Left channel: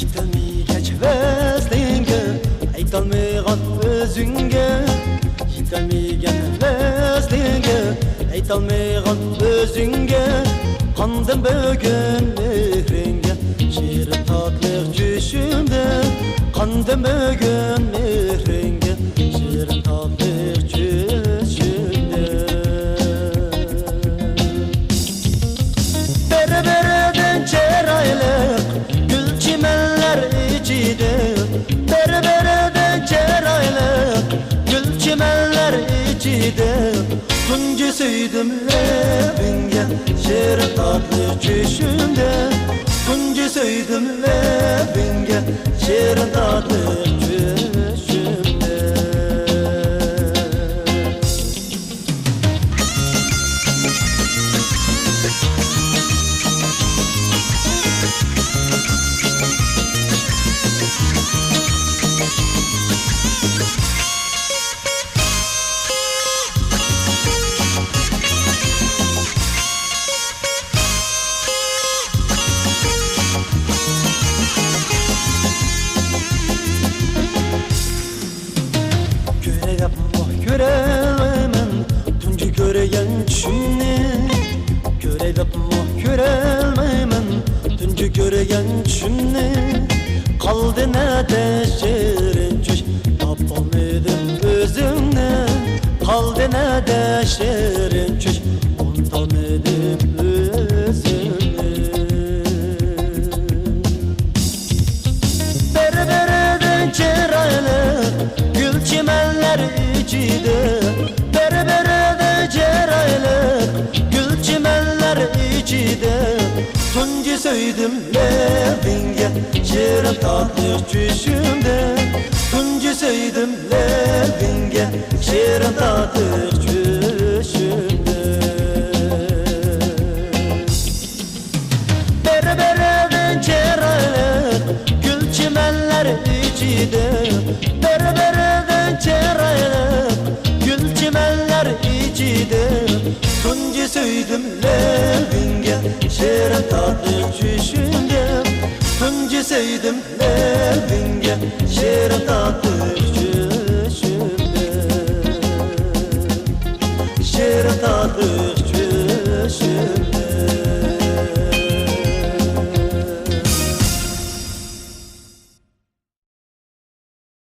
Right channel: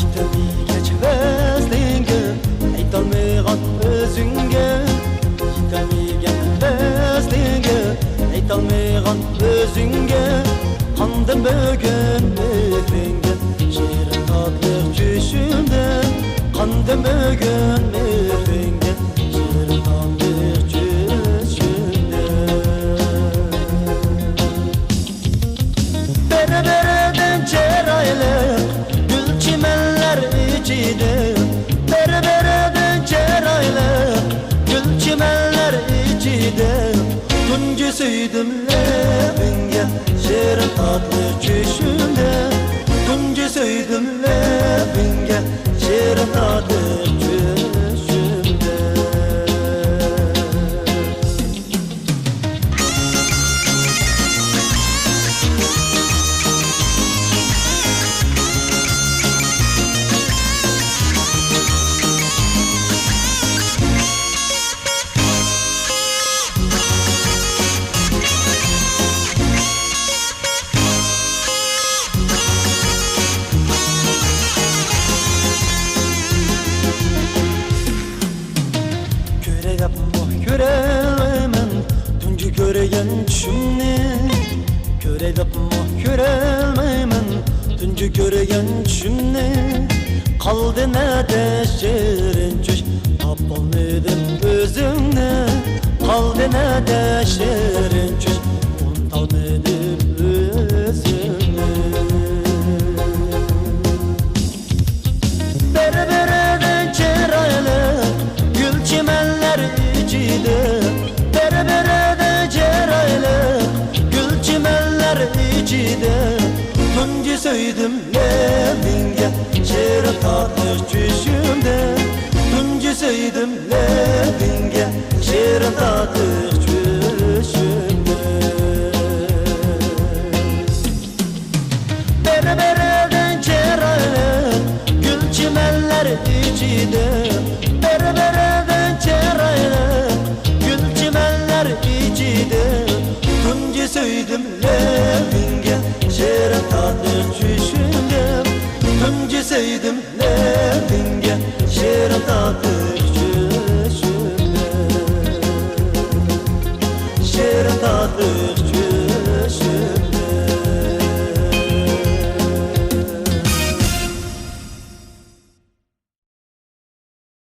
Yitemigen vezlinge aytolmaygan özünge Yitemigen vezlinge aytolmaygan özünge Qandım bugün mehringe Şirin tatlık düşümde Qandım bugün mehringe Şirin tatlık düşümde Berbereden ceraylık Gül çimenler içide Berbereden ceraylık Gül çimenler içide Tuncu süydüm levenge Şirin tatlı çüşümde Tuncu süydüm levenge Şirin tatlı çüşümde Göre yapma göremem Tuncu göregen şimdi Göre yapma göremem Tuncu göregen şimdi Kaldı ne de şirin çöş Tapolmadım özünde Kaldı ne de şirin çöş Unutalmadım özünde Berbereden ceraylık Gül çimenler içide Berberede ceraylık Gül çimenler içide Tuncu süydüm levenge Şirin tatlı çüşümde Tuncu süydüm levenge Şirin tatlı çüşümde Berbereden ceraylık Gül çimenler içide Berbereden ceraylık Gül çimenler içide Tuncu süydüm levenge Şirin tatlı çüşümde Tuncu süydüm levenge Şirin tatlı çüşümde Şirin tatlı çüşümde